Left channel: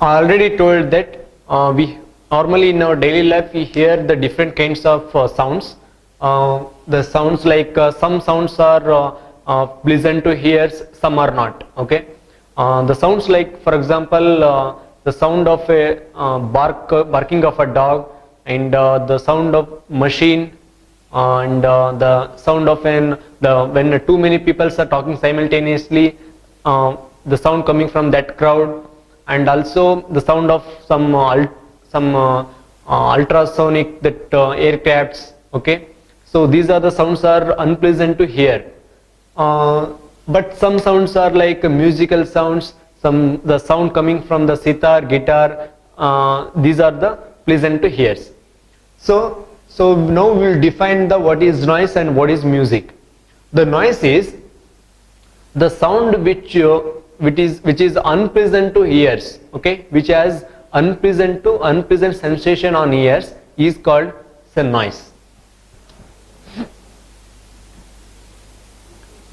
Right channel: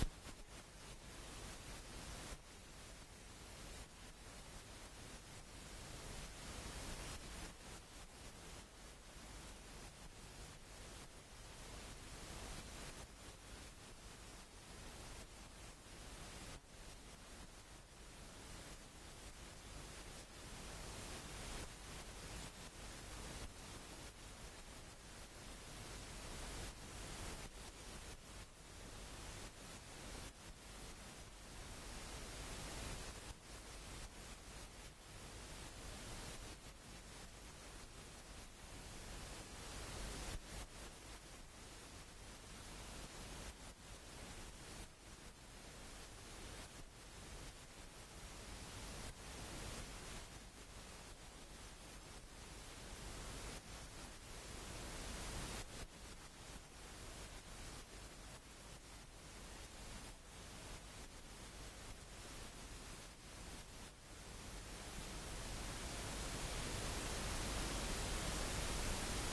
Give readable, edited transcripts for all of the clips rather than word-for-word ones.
I already told that we normally in our daily life we hear the different kinds of sounds. The sounds like some sounds are pleasant to hear, some are not. Okay, the sounds like, for example, the sound of a barking of a dog, and the sound of machine, and the sound of when too many people are talking simultaneously, the sound coming from that crowd, and also the sound of some ultrasonic that aircrafts. Okay, so these are the sounds are unpleasant to hear. But some sounds are like musical sounds, the sound coming from the sitar, guitar, these are the pleasant to hear. So now we will define the what is noise and what is music. The noise is the sound which is unpleasant to ears, okay, which has unpleasant sensation on ears, is called the noise.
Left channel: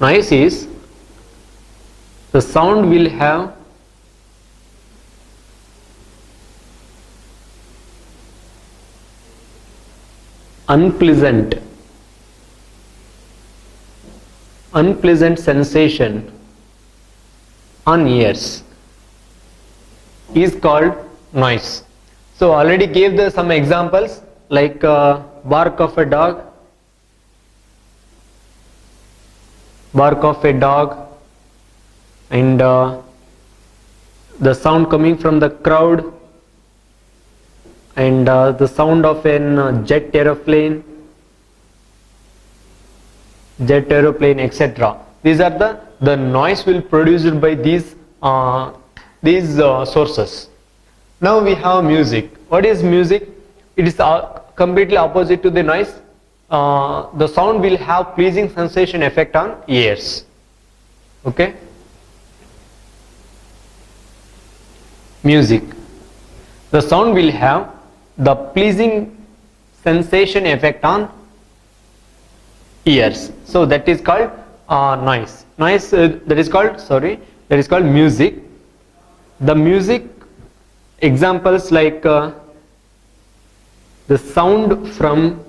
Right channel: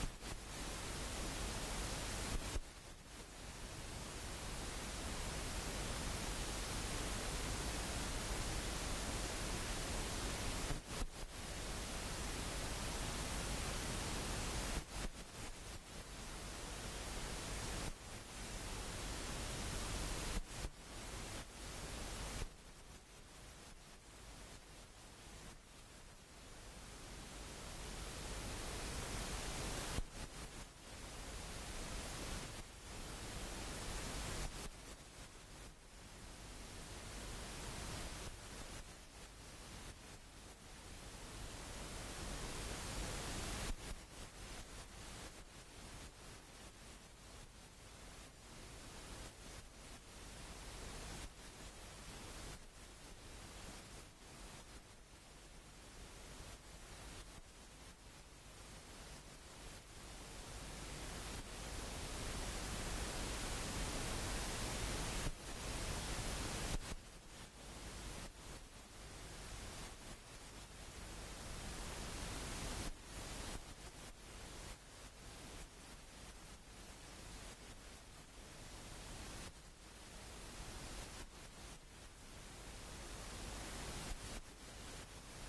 Noise is the sound will have unpleasant sensation on ears, is called noise. So already gave some examples like bark of a dog, and the sound coming from the crowd, and the sound of an jet aeroplane, etc. These are the noise will produced by these sources. Now we have music. What is music? It is completely opposite to the noise. The sound will have pleasing sensation effect on ears. Okay. Music. The sound will have the pleasing sensation effect on ears. So that is called noise. Noise that is called music. The music examples like the sound from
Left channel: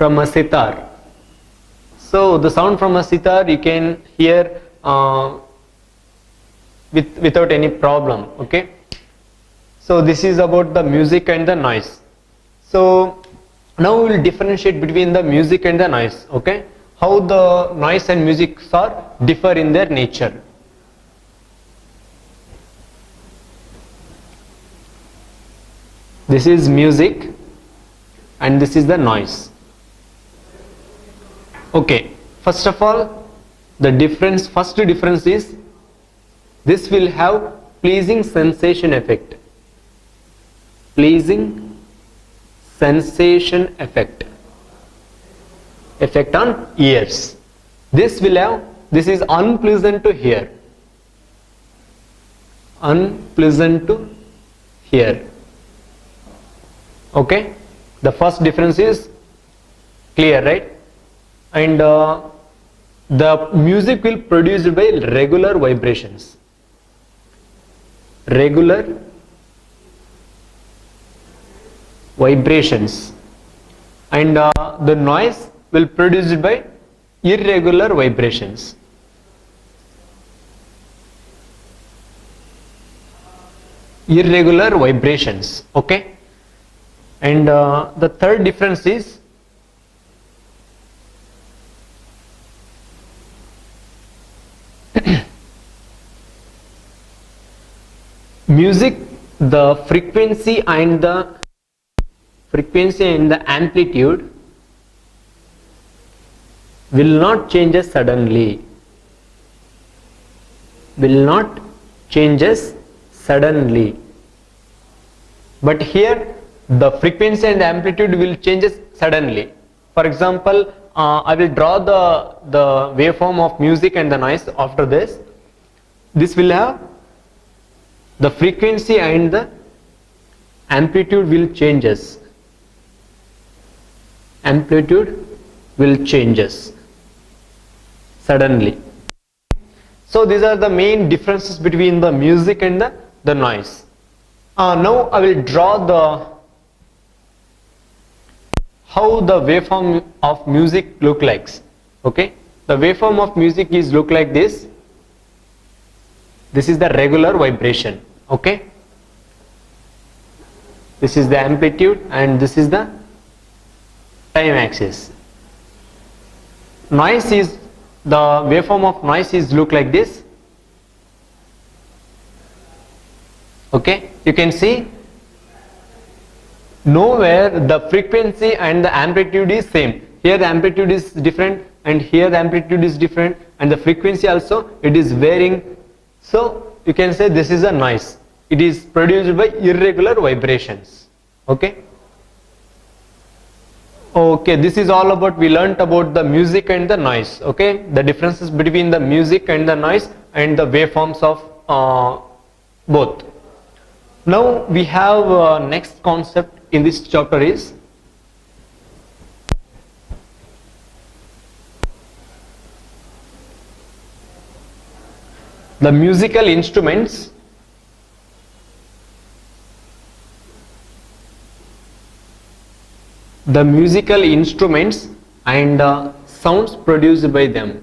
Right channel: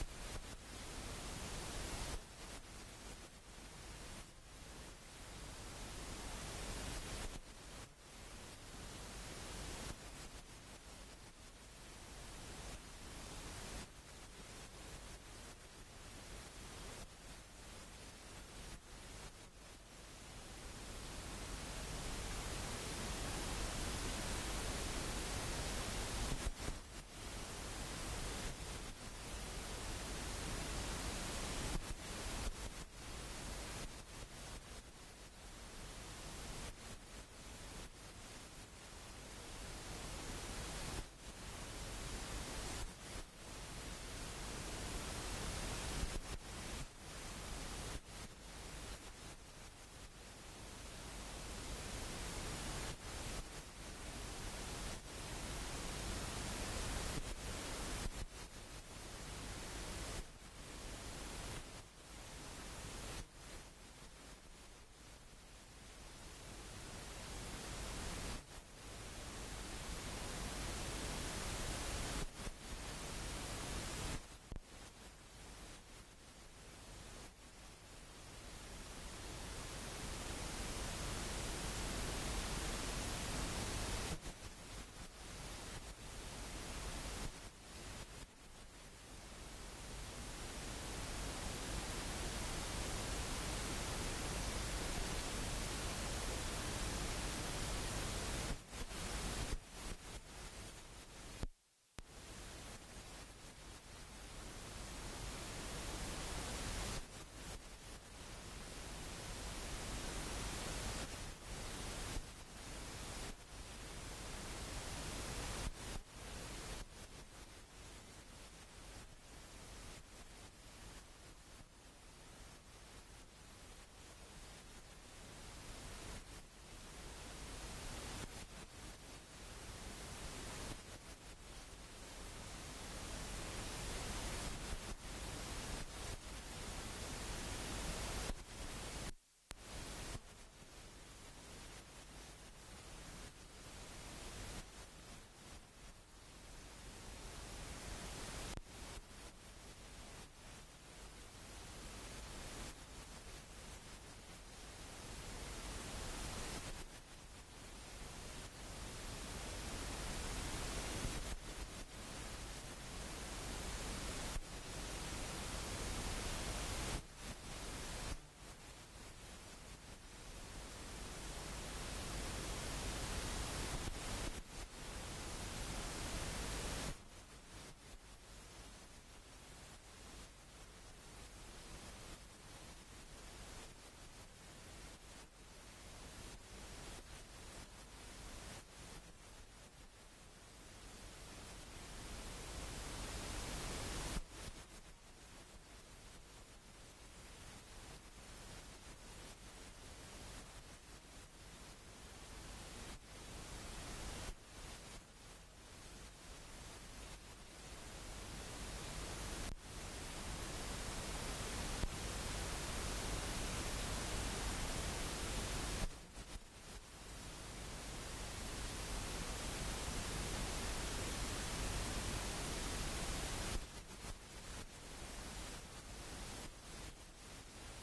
a sitar. So the sound from a sitar you can hear without any problem. Okay. So this is about the music and the noise. So now we will differentiate between the music and the noise. Okay. How the noise and music are differ in their nature. This is music and this is the noise. Okay, first of all, first difference is this will have pleasing sensation effect. Pleasing sensation effect on ears. This is unpleasant to hear. Unpleasant to hear. Okay, the first difference is clear, right? And the music will produced by regular vibrations. Regular vibrations. And the noise will produced by irregular vibrations. Irregular vibrations. Okay. And the third difference is music, the frequency and the amplitude will not change suddenly. But here the frequency and the amplitude will change suddenly. For example, I will draw the waveform of music and the noise after this. This will have the frequency and the amplitude will changes. Amplitude will changes suddenly. So these are the main differences between the music and the the noise. Now I will draw how the waveform of music look like. Okay, the waveform of music is look like this. This is the regular vibration. Okay, this is the amplitude and this is the time axis. Noise is, the waveform of noise is look like this. Okay, you can see nowhere the frequency and the amplitude is same. Here the amplitude is different and here the amplitude is different, and the frequency also it is varying. So you can say this is a noise. It is produced by irregular vibrations. Okay. Okay, this is all about, we learnt about the music and the noise. Okay, the differences between the music and the noise and the waveforms of both. Now we have next concept in this chapter is the musical instruments. The musical instruments and sounds produced by them.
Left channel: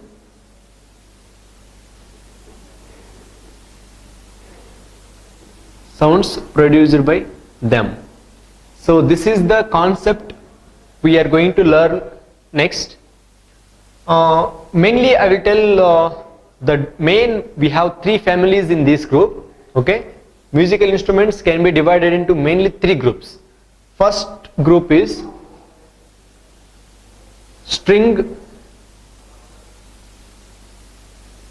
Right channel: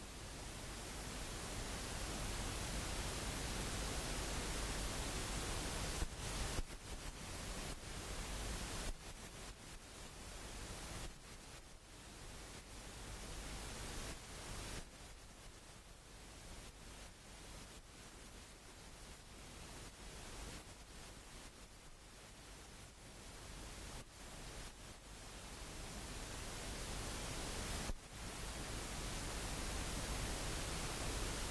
Sounds produced by them. So this is the concept we are going to learn next. Mainly I will tell the main, we have three families in this group. Okay, musical instruments can be divided into mainly three groups. First group is string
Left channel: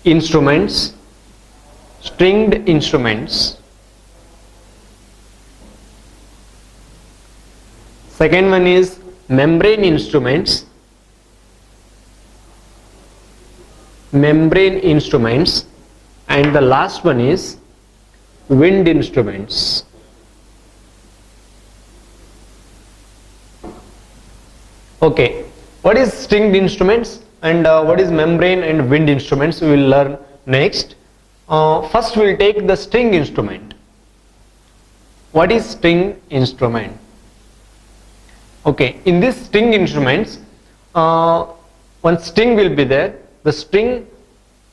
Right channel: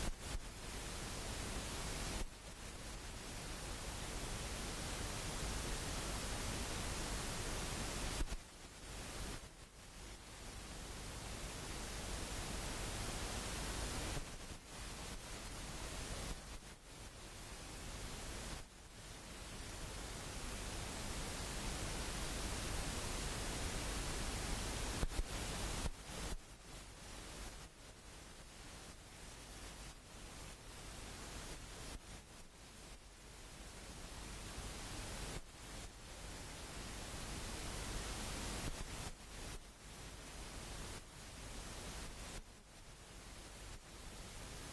instruments, stringed instruments. Second one is membrane instruments, membrane instruments, and the last one is wind instruments. Okay, what is stringed instruments and what is membrane and wind instruments we will learn next. First we will take the string instrument. What is string instrument? Okay, in this string instruments, one string will be there. The string,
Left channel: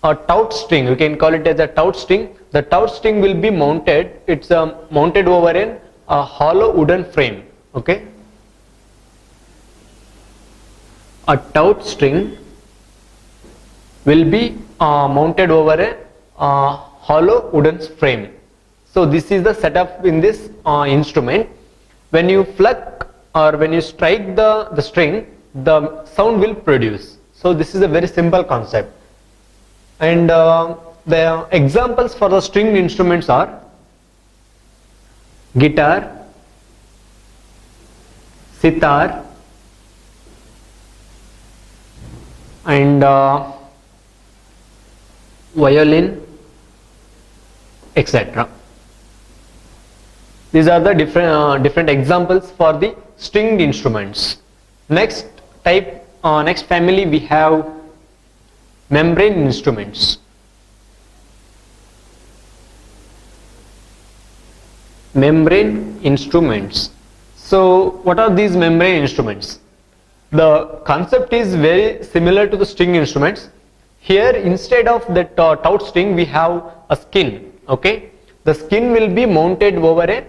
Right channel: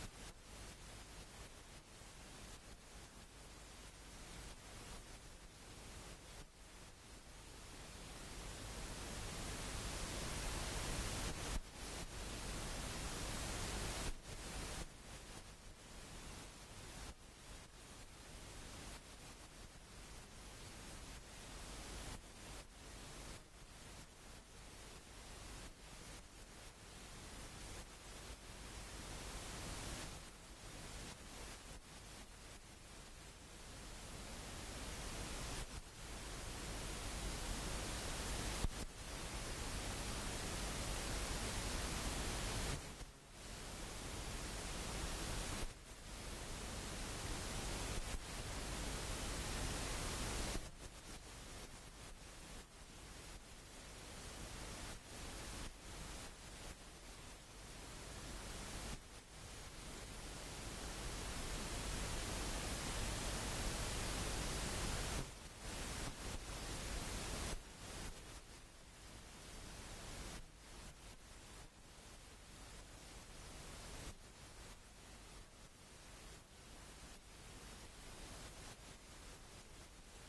a tout string, you can call it as a tout string. The tout string will be mounted, it's mounted over a hollow wooden frame. Okay, a tout string will be mounted over a hollow wooden frame. So this is the setup in this instrument. When you pluck or when you strike the string, the sound will produce. So this is a very simple concept. And the examples for the stringed instruments are guitar, sitar, and violin, etc. These are the different examples for the stringed instruments. Next type, next family we have membrane instruments. Membrane instruments. So what are these membrane instruments? The concept is very similar to the string instruments. Here instead of that tout string we have a skin. Okay, the skin will be mounted over a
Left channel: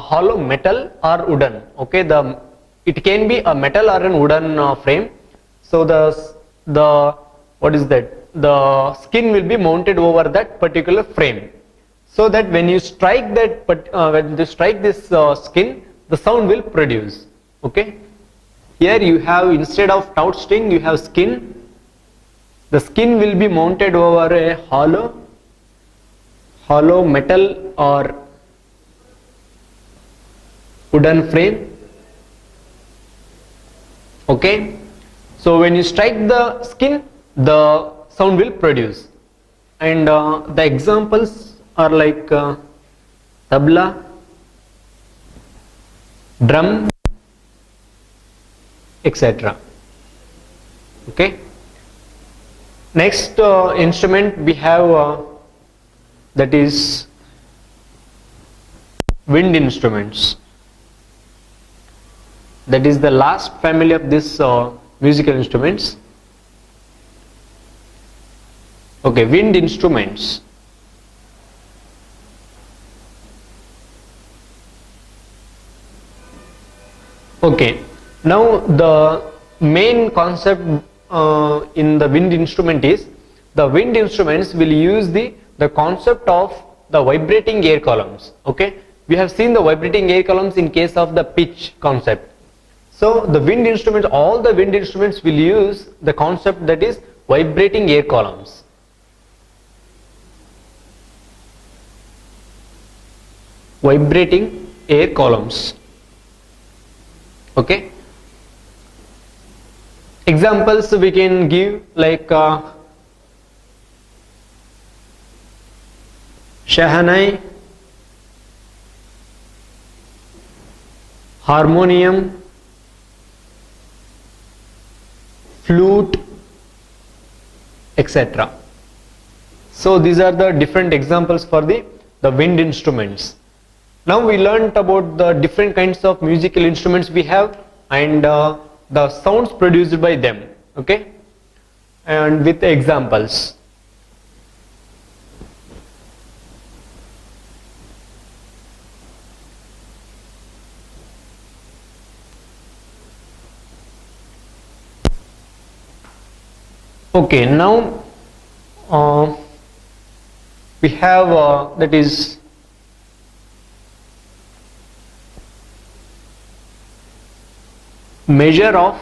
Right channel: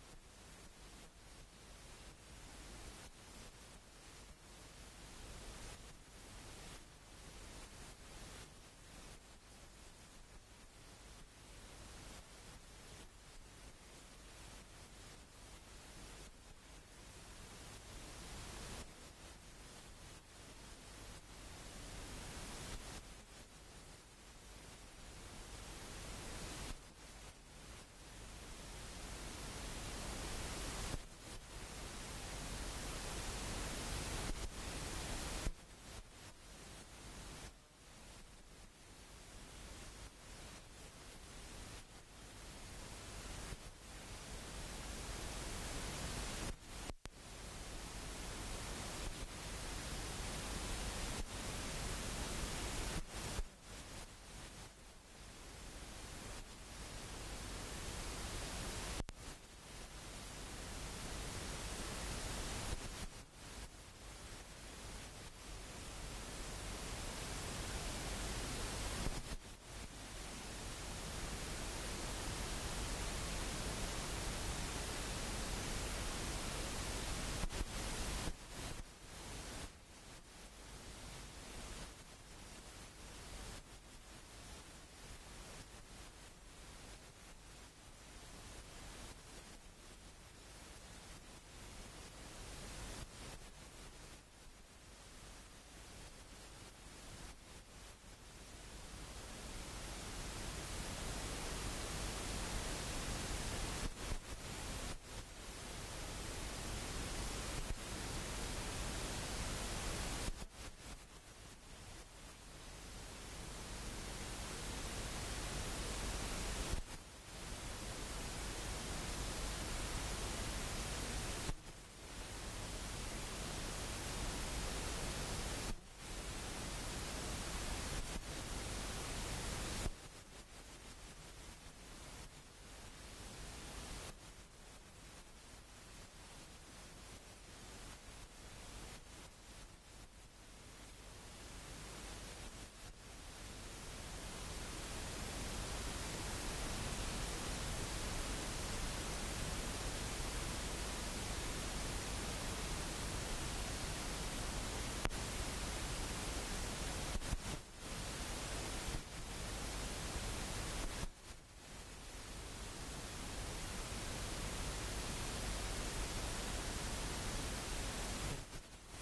hollow metal or wooden. Okay, it can be a metal or a wooden frame. So the what is that? The skin will be mounted over that particular frame, so that when you strike that, when you strike this skin, the sound will produce. Okay. Here you have, instead of tout string, you have skin. The skin will be mounted over a hollow metal or wooden frame. Okay. So when you strike the skin, the sound will produce. And the examples are like tabla, drum, etc. Okay. Next instrument we have that is wind instruments. That is the last family of this musical instruments. Okay, wind instruments. Okay, now the main concept in the wind instrument is the wind instruments will use the concept of the vibrating air columns. Okay, we have seen the vibrating air columns in case of the pitch concept. So the wind instruments, all the wind instruments will use the concept that is vibrating air columns. Vibrating air columns. Okay. Examples we can give like shahanai, harmonium, flute, etc. So these are the different examples for the wind instruments. Now we learnt about the different kinds of musical instruments we have and the sounds produced by them, okay, and with examples. Okay, now we have that is measure of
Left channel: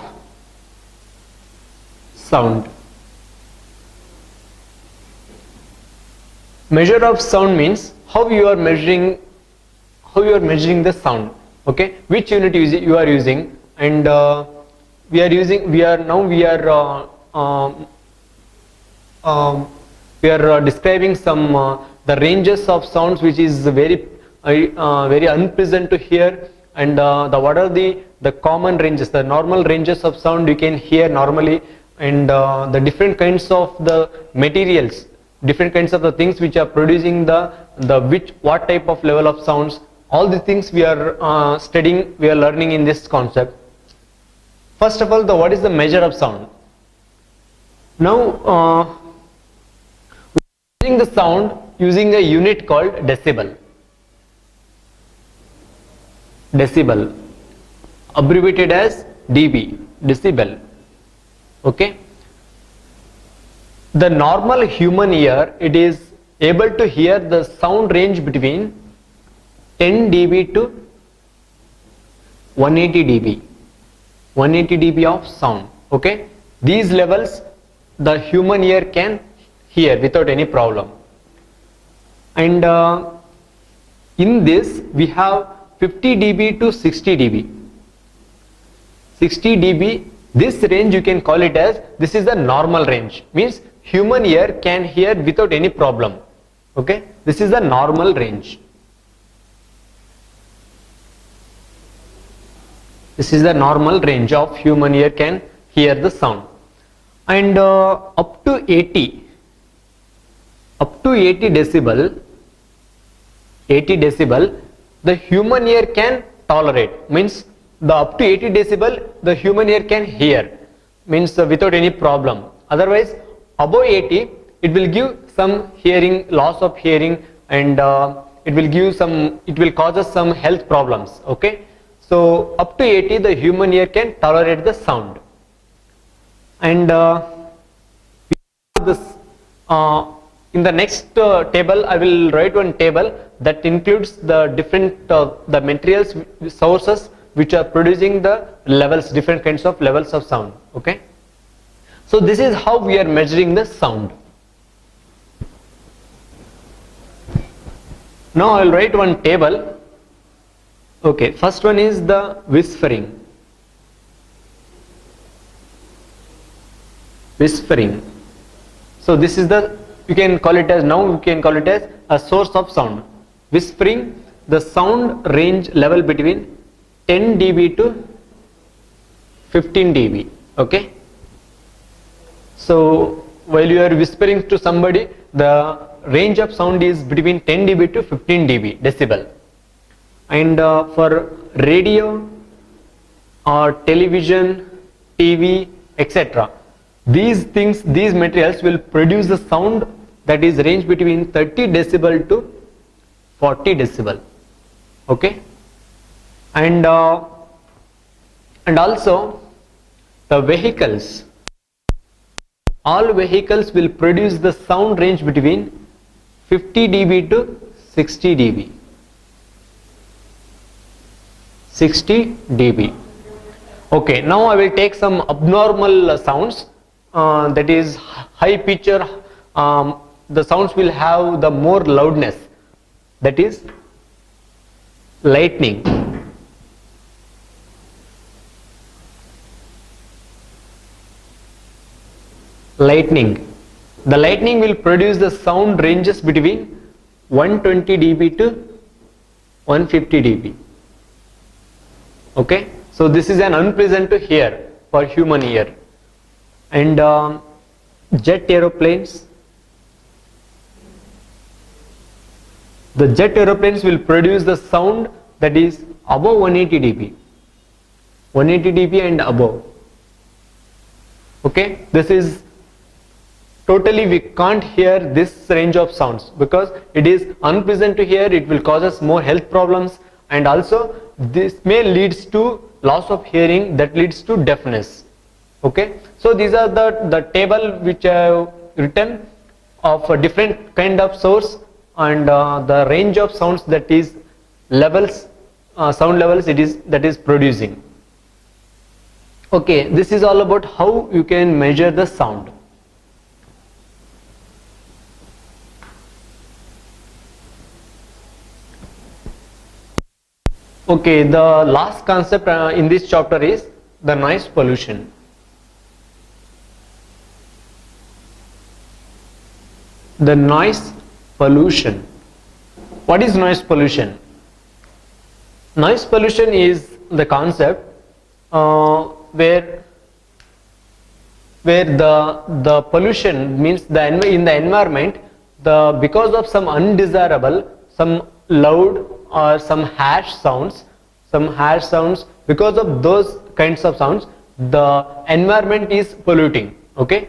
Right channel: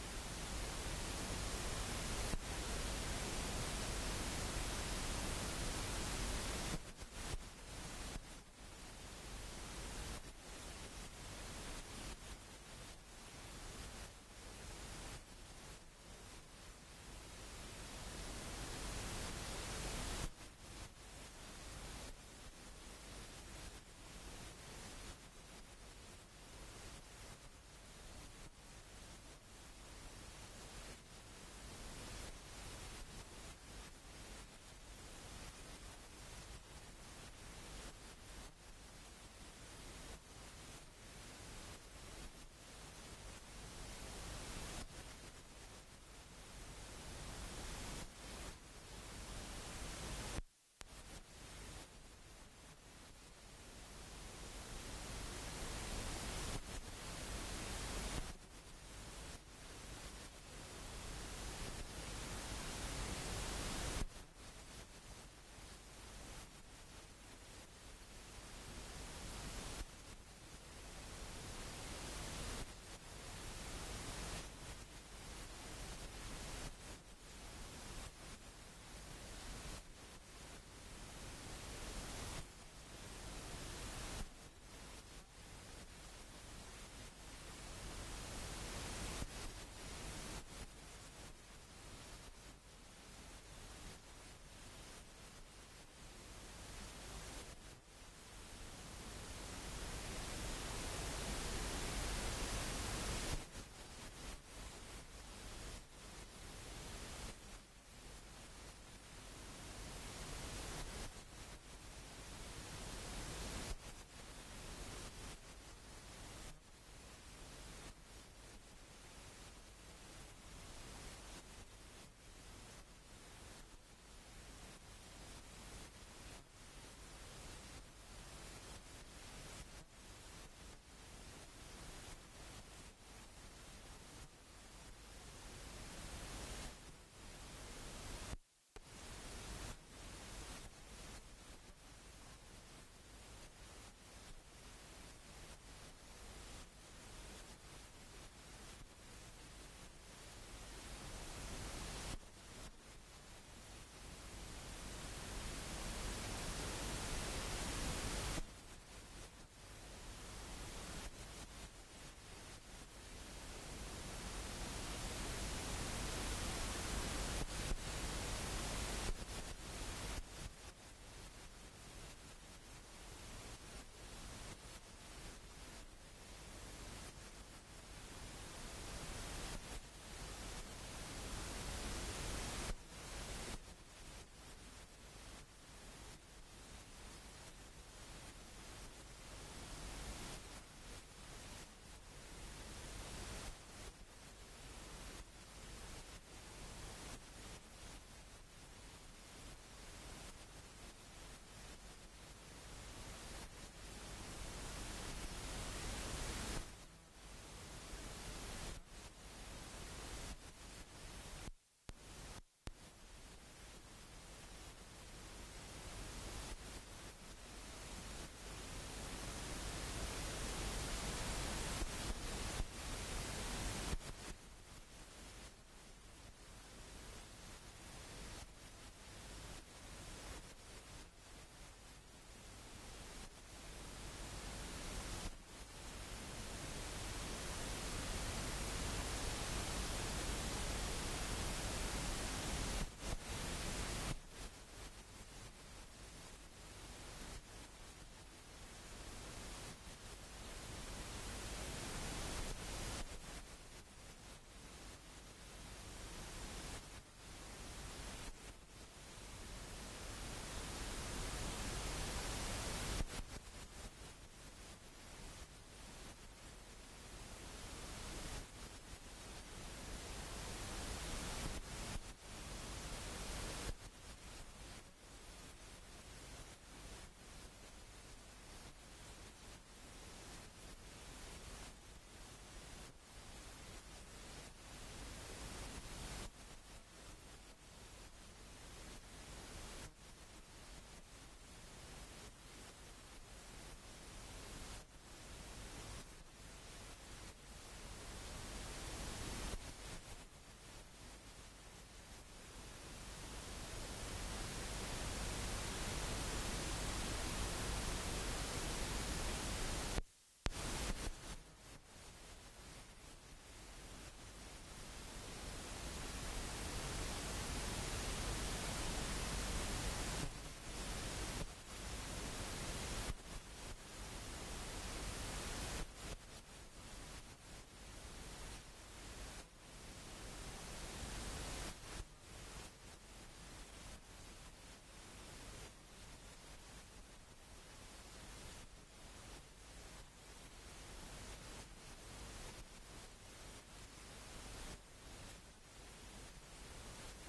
sound. Measure of sound means how you are measuring the sound, okay, which unit you are using, and we are describing some the ranges of sounds which is very unpleasant to hear, and what are the common ranges, the normal ranges of sound you can hear normally, and the different kinds of the materials, different kinds of the things which are producing what type of level of sounds. All the things we are studying, we are learning in this concept. First of all, what is the measure of sound? Now measuring the sound using a unit called decibel. Decibel, abbreviated as dB, decibel. Okay. The normal human ear, it is able to hear the sound range between 10 dB to 180 dB. 180 dB of sound. Okay. These levels the human ear can hear without any problem. And in this we have 50 dB to 60 dB. 60 dB, this range you can call it as, this is the normal range, means human ear can hear without any problem. Okay, this is the normal range. This is the normal range of human ear can hear the sound. And up to 80 decibel, the human ear can tolerate, means the up to 80 decibel the human ear can hear, means without any problem. Otherwise above 80 it will give some hearing, loss of hearing, and it will cause us some health problems. Okay, so up to 80 the human ear can tolerate the sound. And this in the next table I will write one table that includes the different the materials, sources which are producing the levels, different kinds of levels of sound. Okay, so this is how we are measuring the sound. Now I will write one table. Okay, first one is the whispering. Whispering. So this is you can call it as a source of sound. Whispering, the sound range level between 10 dB to 15 dB. Okay. So while you are whispering to somebody, the range of sound is between 10 dB to 15 dB decibel. and for radio or television, TV, etc. These things, these materials will produce a sound that is range between 30 decibel to 40 decibel. Okay, and also the vehicles. All vehicles will produce the sound range between 50 dB to 60 dB. 60 dB. Okay, now I will take some abnormal sounds, that is high pitch. The sounds will have the more loudness, that is lightning. Lightning. The lightning will produce the sound ranges between 120 dB to 150 dB. Okay, so this is an unpleasant to hear for human ear. And jet aeroplanes. The jet aeroplanes will produce the sound that is above 180 dB. 180 dB and above. Okay, this is totally, we can't hear this range of sounds because it is unpleasant to hear. It will cause us more health problems, and also this may leads to loss of hearing, that leads to deafness. Okay, so these are the table which I have written of a different kind of source and the range of sounds, that is levels, sound levels that is producing. Okay, this is all about how you can measure the sound. Okay, the last concept in this chapter is the noise pollution. The noise pollution. What is noise pollution? Noise pollution is the concept where the pollution means in the environment, because of some undesirable, some loud or some harsh sounds, because of those kinds of sounds, the environment is polluting. Okay,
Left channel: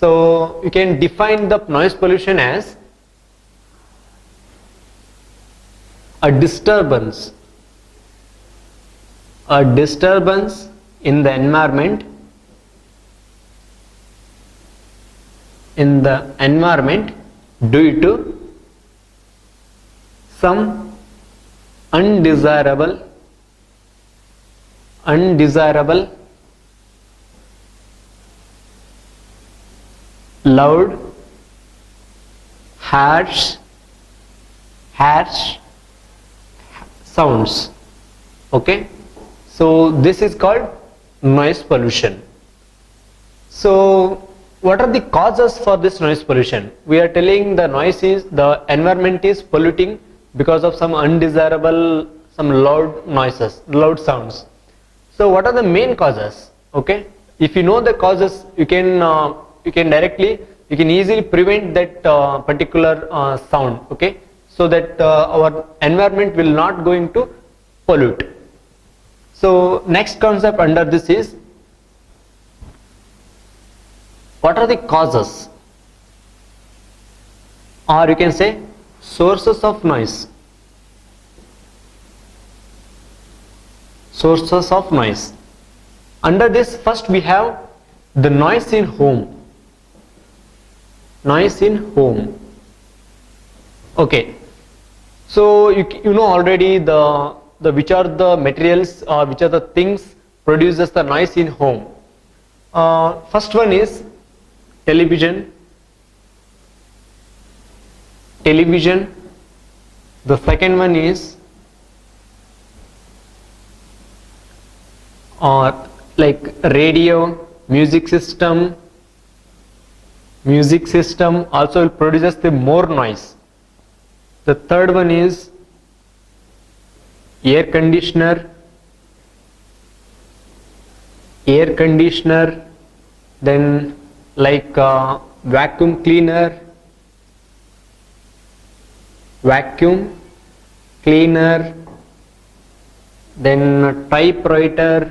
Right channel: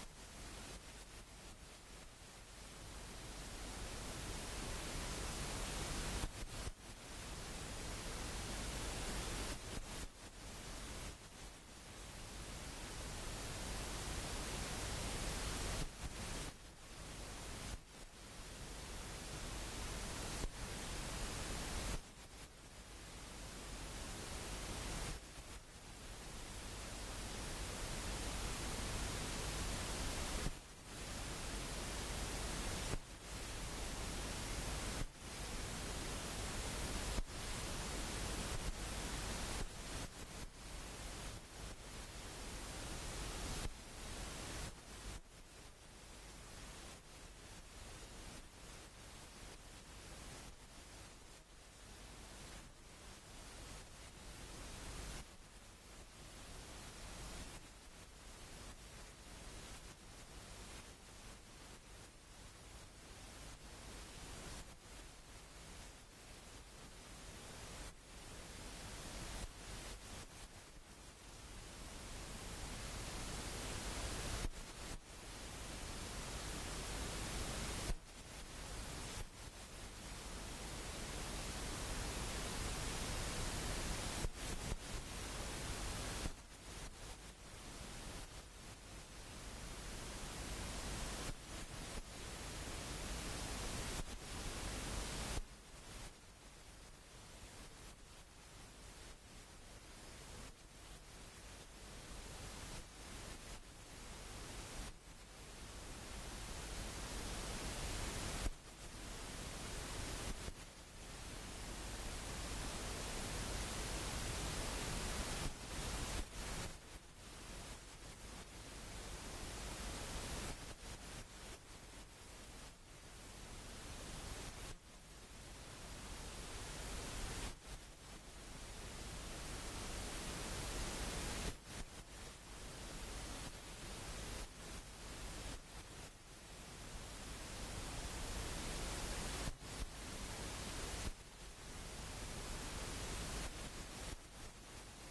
so you can define the noise pollution as a disturbance in the environment, due to some undesirable, loud, harsh sounds. Okay, so this is called noise pollution. So what are the causes for this noise pollution? We are telling the environment is polluting because of some undesirable, some loud noises, loud sounds. So what are the main causes? Okay, if you know the causes, you can easily prevent that particular sound. Okay, so that our environment will not going to pollute. So next concept under this is, what are the causes, or you can say sources of noise. Sources of noise. Under this, first we have the noise in home. Noise in home. Okay, so you know already the which are the materials or which are the things produces the noise in home. First one is television. The second one is like radio, music system also produces the more noise. The third one is air conditioner, then like vacuum cleaner, then typewriter.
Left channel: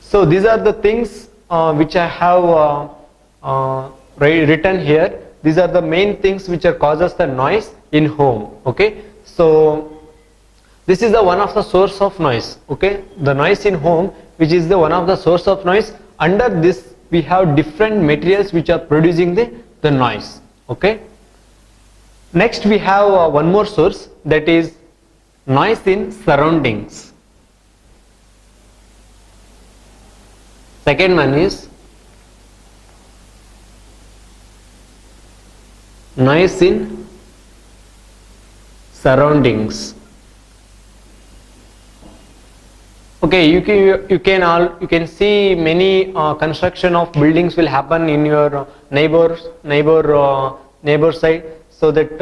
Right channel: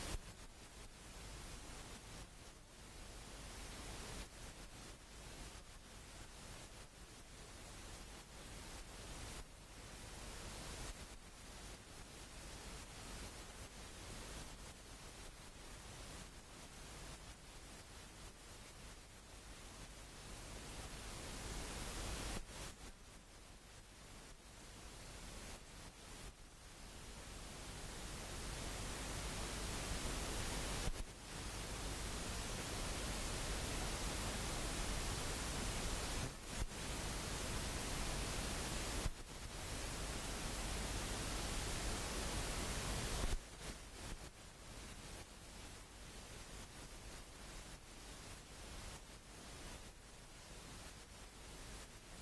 So these are the things which I have written here. These are the main things which are causes the noise in home. Okay, so this is the one of the source of noise. Okay, the noise in home, which is the one of the source of noise. Under this we have different materials which are producing the noise. Okay, next we have one more source, that is noise in surroundings. Second one is noise in surroundings. Okay, you can see many construction of buildings will happen in your neighbor side. So that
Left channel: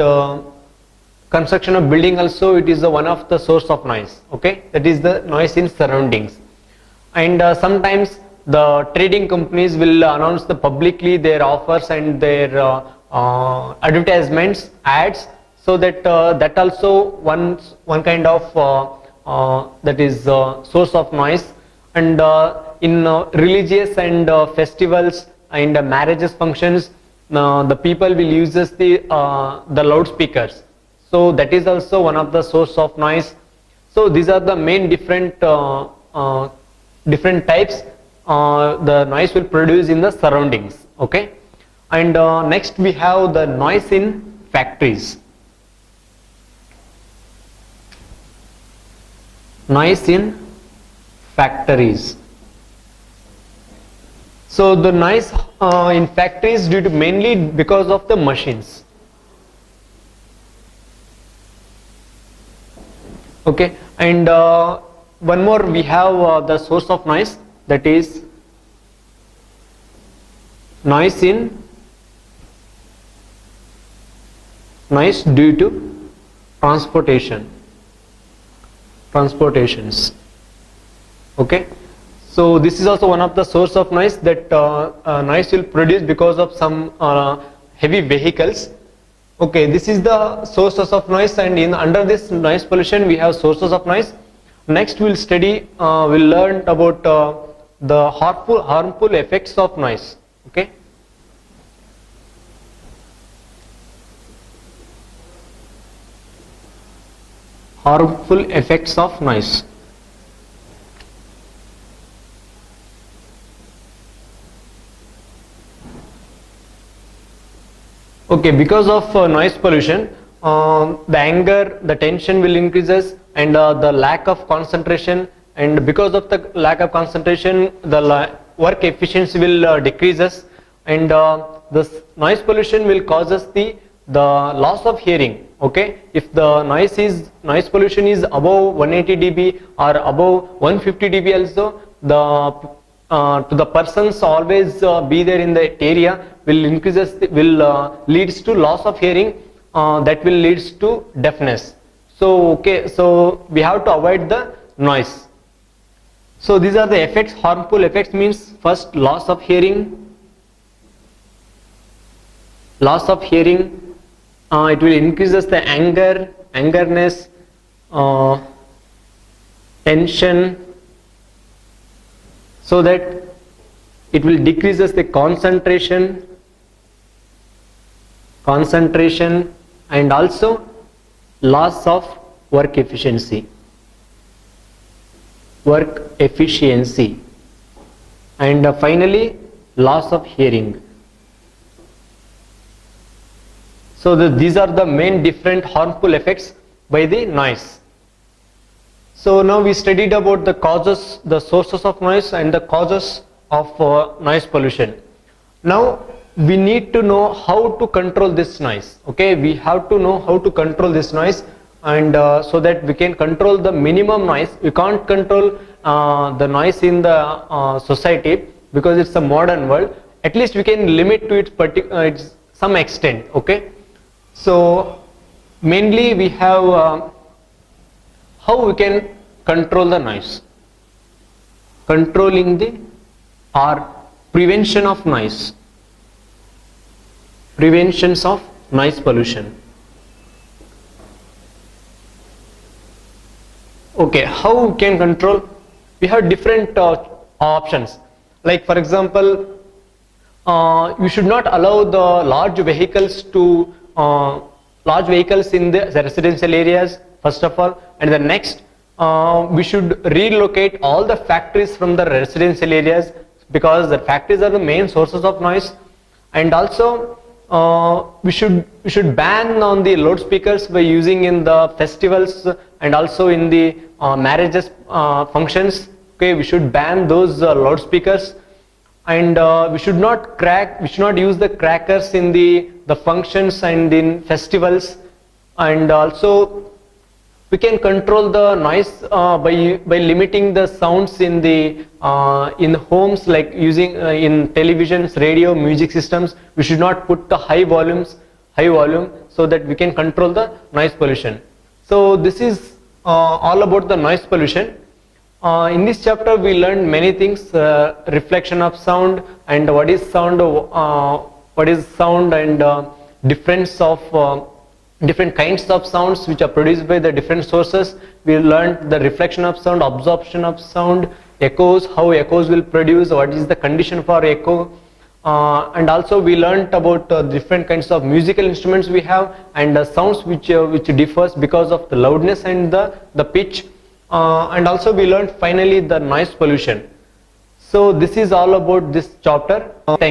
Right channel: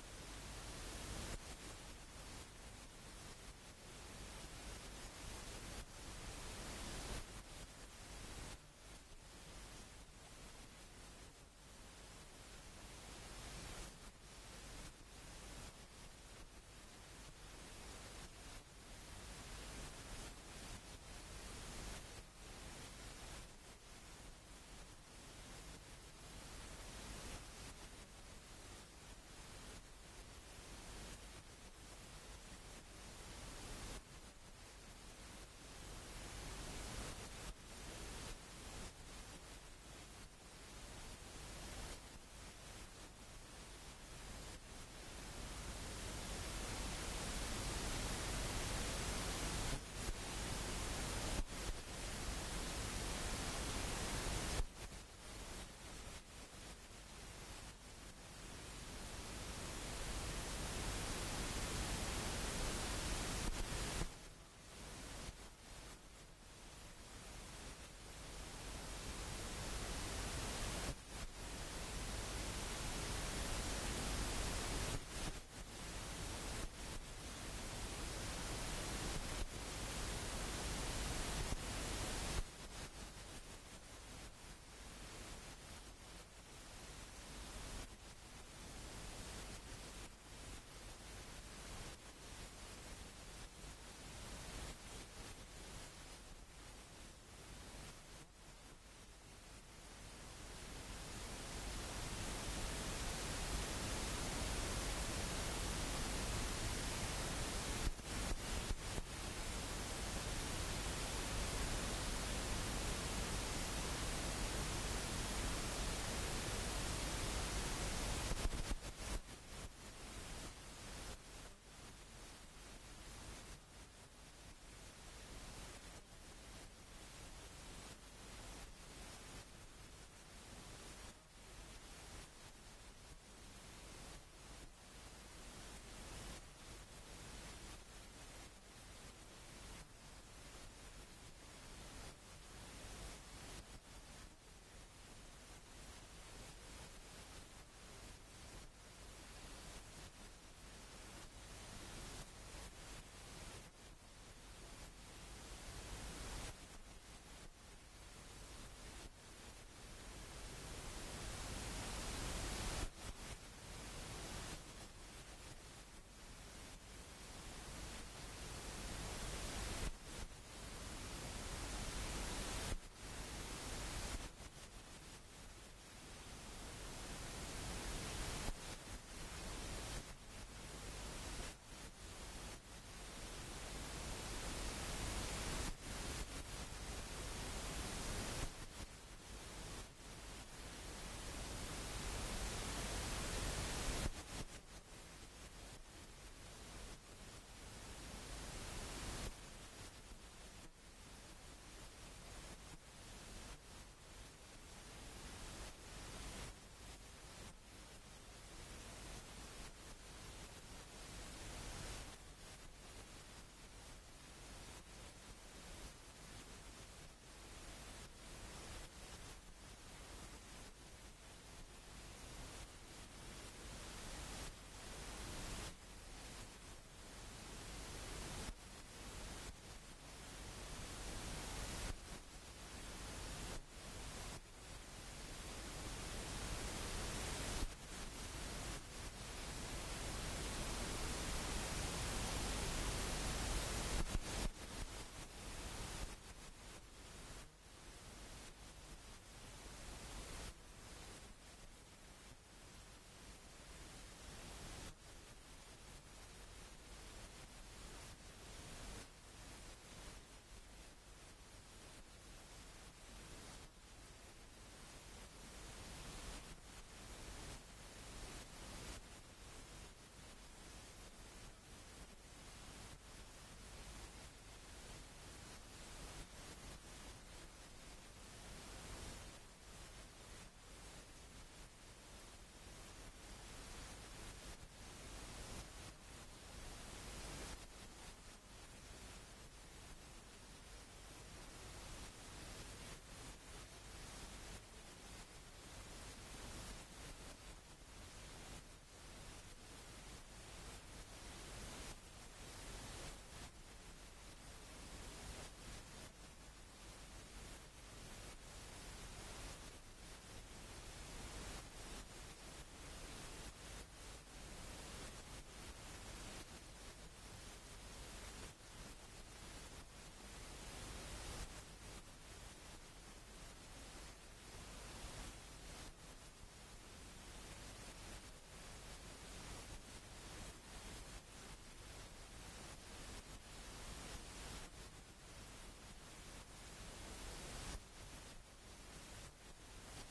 construction of building also, it is one of the source of noise. Okay, that is the noise in surroundings. And sometimes the trading companies will announce publicly their offers and their advertisements, ads, so that that also one kind of that is source of noise. And in religious and festivals and marriages functions, the people will use the loudspeakers, so that is also one of the source of noise. So these are the main different types the noise will produce in the surroundings. Okay, and next we have the noise in factories. Noise in factories. So the noise in factories due to mainly because of the machines. Okay, and one more we have the source of noise, that is noise due to transportations. Okay, so this is also one of the source of noise, that noise will produce because of some heavy vehicles. Okay, this is the sources of noise, and under this noise pollution we have sources of noise. Next we'll study, we'll learn about the harmful effects of noise. Okay, harmful effects of noise. Okay, because of noise pollution, the anger, the tension will increases, and the lack of concentration, and because of the lack of concentration, the work efficiency will decreases, and this noise pollution will causes the loss of hearing. Okay, if the noise pollution is above 180 dB or above 150 dB also, to the persons always be there in that area will increases, will leads to loss of hearing, that will leads to deafness. So okay, so we have to avoid the noise. So these are the effects. Harmful effects means, first, loss of hearing. It will increases the angerness, tension, so that it will decreases the concentration, and also loss of work efficiency, and finally loss of hearing. So these are the main different harmful effects by the noise. So now we studied about the causes, the sources of noise, and the causes of noise pollution. Now we need to know how to control this noise. Okay, we have to know how to control this noise, and so that we can control the minimum noise. We can't control the noise in the society, because it's a modern world. At least we can limit to its some extent. Okay, so mainly we have how we can control the noise. Controlling the or prevention of noise. Preventions of noise pollution. Okay, how we can control? We have different options. Like for example, you should not allow the large vehicles in the residential areas, first of all, and the next, we should relocate all the factories from the residential areas, because the factories are the main sources of noise. And also we should ban on the loudspeakers by using in the festivals and also in the marriages functions. Okay, we should ban those loudspeakers. And we should not use the crackers in the functions and in festivals. And also we can control the noise by limiting the sounds in homes, like using in televisions, radio, music systems. We should not put the high volume, so that we can control the noise pollution. So this is all about the noise pollution. In this chapter we learned many things, reflection of sound, and what is sound, and difference of different kinds of sounds which are produced by the different sources. We learned the reflection of sound, absorption of sound, echoes, how echoes will produce, what is the condition for echo, and also we learned about different kinds of musical instruments we have, and sounds which differs because of the loudness and the pitch. And also we learned finally the noise pollution. So this is all about this chapter. Thank you.